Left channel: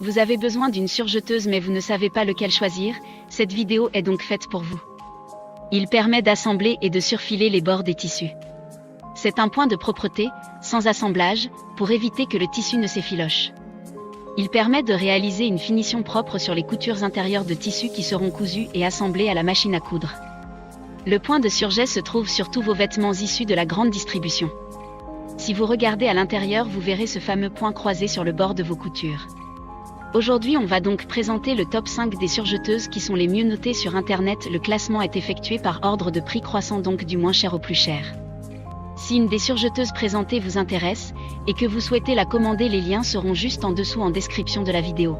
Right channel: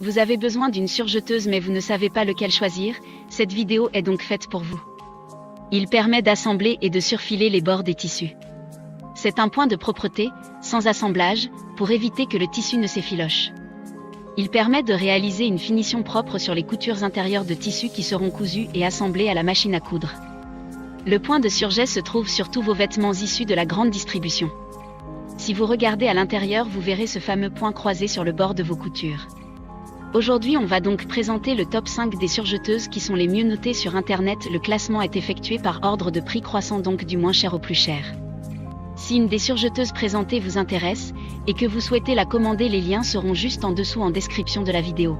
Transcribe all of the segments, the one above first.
Vous avez besoin d'une surjeteuse mais vous ne savez pas lequel choisir, cette vidéo est donc faite pour vous. Il permet d'assembler et de surfiler les bords des tissus. C'est un point de propreté, sans assemblage, pour éviter que le tissu ne s'effiloche. Il permet de réaliser une finition propre sur les coutures intérieures de tissus qui seront cousues et assemblées à la machine à coudre. Le point de surjet se trouve sur tous vos vêtements issus de la grande distribution. Si vous regardez à l'intérieur, vous verrez ce fameux point croisé sur le bord de vos coutures. Aujourd'hui, on va donc présenter le top 5 des surjeteuses qui sont les mieux notées sur Internet. Le classement est effectué par ordre de prix croissant, donc du moins cher au plus cher. Si une des surjeteuses présentées vous intéresse et que vous souhaitez la commander, les liens seront juste en dessous en description de la vidéo.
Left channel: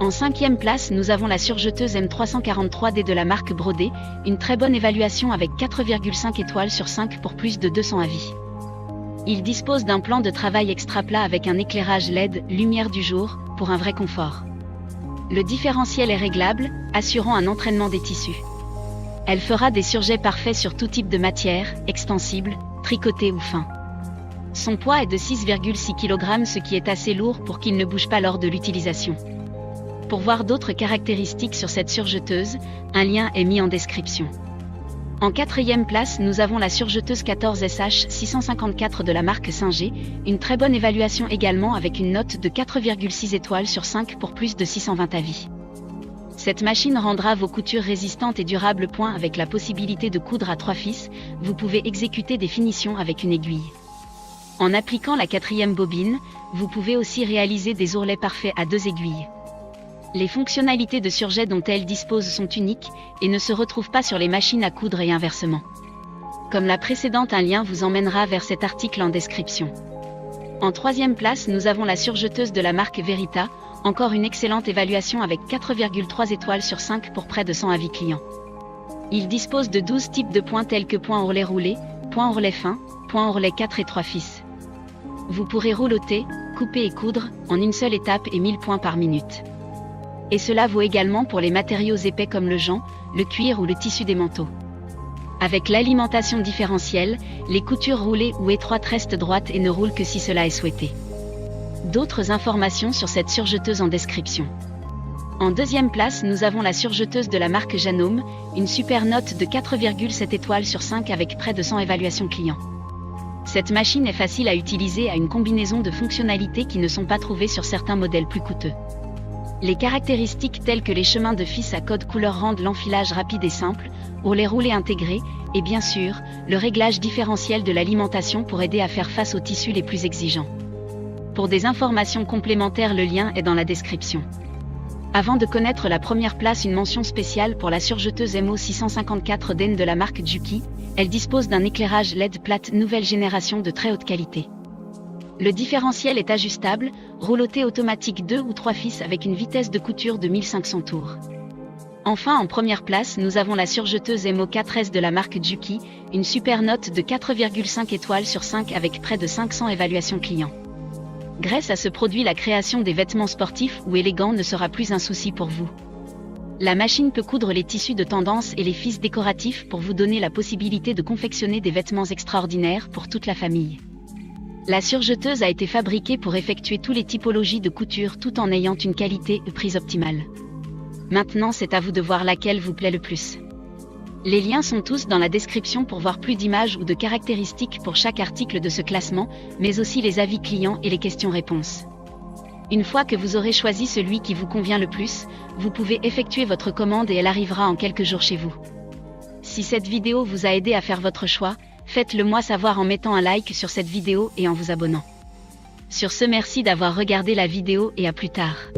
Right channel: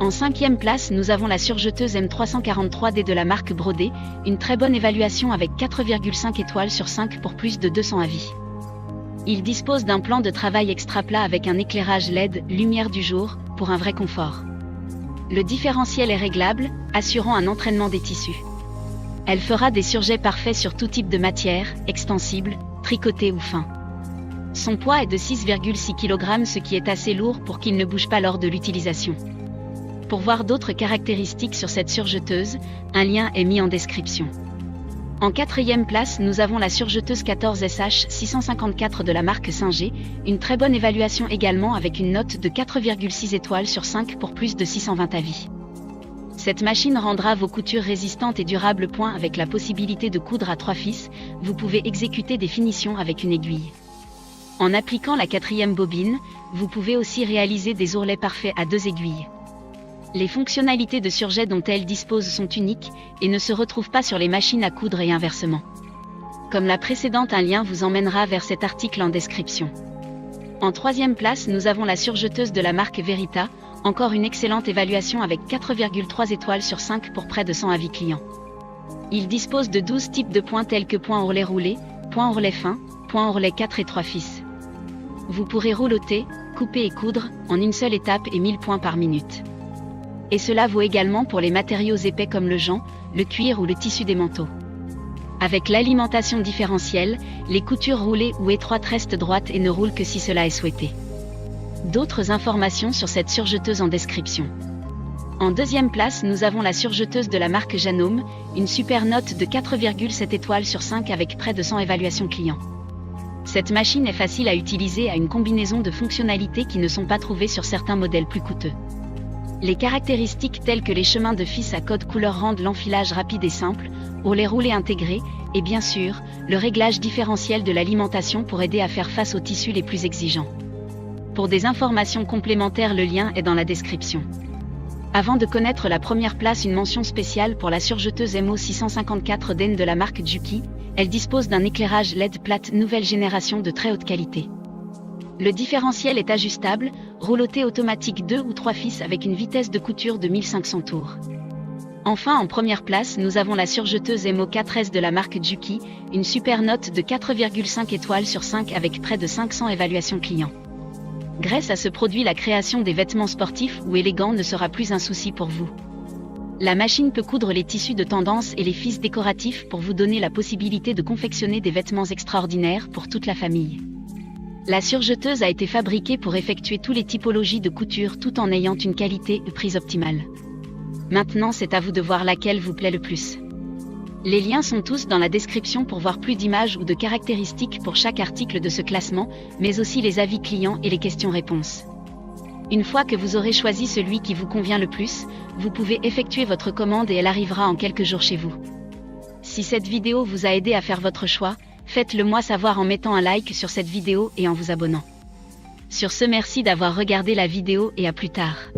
En 5e place, nous avons la surjeteuse M343D de la marque Brodé, une très bonne évaluation avec 4,5 étoiles sur 5 pour plus de 200 avis. Il dispose d'un plan de travail extra plat avec un éclairage LED, lumière du jour, pour un vrai confort. Le différentiel est réglable, assurant un entraînement des tissus. Elle fera des surjets parfaits sur tout type de matière, extensible, tricoté ou fin. Son poids est de 6,6 kg, ce qui est assez lourd pour qu'il ne bouge pas lors de l'utilisation. Pour voir d'autres caractéristiques sur cette surjeteuse, un lien est mis en description. En 4e place, nous avons la surjeteuse 14SH 654 de la marque Singer, une très bonne évaluation également avec une note de 4,6 étoiles sur 5 pour plus de 620 avis. Cette machine rendra vos coutures résistantes et durables. Avec la possibilité de coudre à 3 fils, vous pouvez exécuter des finitions avec une aiguille. En appliquant la 4e bobine, vous pouvez aussi réaliser des ourlets parfaits à 2 aiguilles. Les fonctionnalités de surjet dont elle dispose sont uniques et ne se retrouvent pas sur les machines à coudre et inversement. Comme la précédente, un lien vous emmènera vers cet article en description. En 3e place, nous avons la surjeteuse de la marque Verita, encore une excellente évaluation avec 4,3 étoiles sur 5 pour près de 100 avis clients. Il dispose de 12 types de points tels que point ourlet roulé, point ourlet fin, point ourlet 4 et 3 fils. Vous pourrez rouloter, couper et coudre en une seule étape et 1000 points par minute. Et cela vaut également pour les matériaux épais comme le jonc, le cuir ou le tissu des manteaux. Avec l'alimentation différentielle, les coutures roulées ou étroites restent droites et ne roulent que si cela est souhaité. D'autres informations sur cette surjeteuse en description. En 2e place, nous avons la surjeteuse de la marque Janome, une super note de 4,7 étoiles sur 5 avec près de 100 évaluations clients. Cette machine est facile à utiliser et a une combinaison de fonctionnalités qui ne sont pas trouvées sur certains modèles plus coûteux. Les caractéristiques telles que les chemins de fils à code couleur rendent l'enfilage rapide et simple, ourlets roulés intégrés, et bien sûr, le réglage différentiel de l'alimentation pour aider à faire face aux tissus les plus exigeants. Pour des informations complémentaires, le lien est dans la description. Avant de connaître la première place, une mention spéciale pour la surjeteuse MO654 de la marque Juki. Elle dispose d'un éclairage LED plate nouvelle génération de très haute qualité. Le différentiel est ajustable, rouloté automatique 2 ou 3 fils avec une vitesse de couture de 1500 tours. Enfin, en première place, nous avons la surjeteuse MO4S de la marque Juki, une super note de 4,5 étoiles sur 5 avec près de 500 évaluations clients. Grâce à ce produit, la création des vêtements sportifs ou élégants ne sera plus un souci pour vous. La machine peut coudre les tissus de tendance et les fils décoratifs pour vous donner la possibilité de confectionner des vêtements extraordinaires pour toute la famille. La surjeteuse a été fabriquée pour effectuer toutes les typologies de couture tout en ayant une qualité et prise optimale. Maintenant, c'est à vous de voir laquelle vous plaît le plus. Les liens sont tous dans la description pour voir plus d'images ou de caractéristiques pour chaque article de ce classement, mais aussi les avis clients et les questions-réponses. Une fois que vous aurez choisi celui qui vous convient le plus, vous pouvez effectuer votre commande et elle arrivera en quelques jours chez vous. Si cette vidéo vous a aidé à faire votre choix, faites-le moi savoir en mettant un like sur cette vidéo et en vous abonnant. Sur ce, merci d'avoir regardé la vidéo et à plus tard.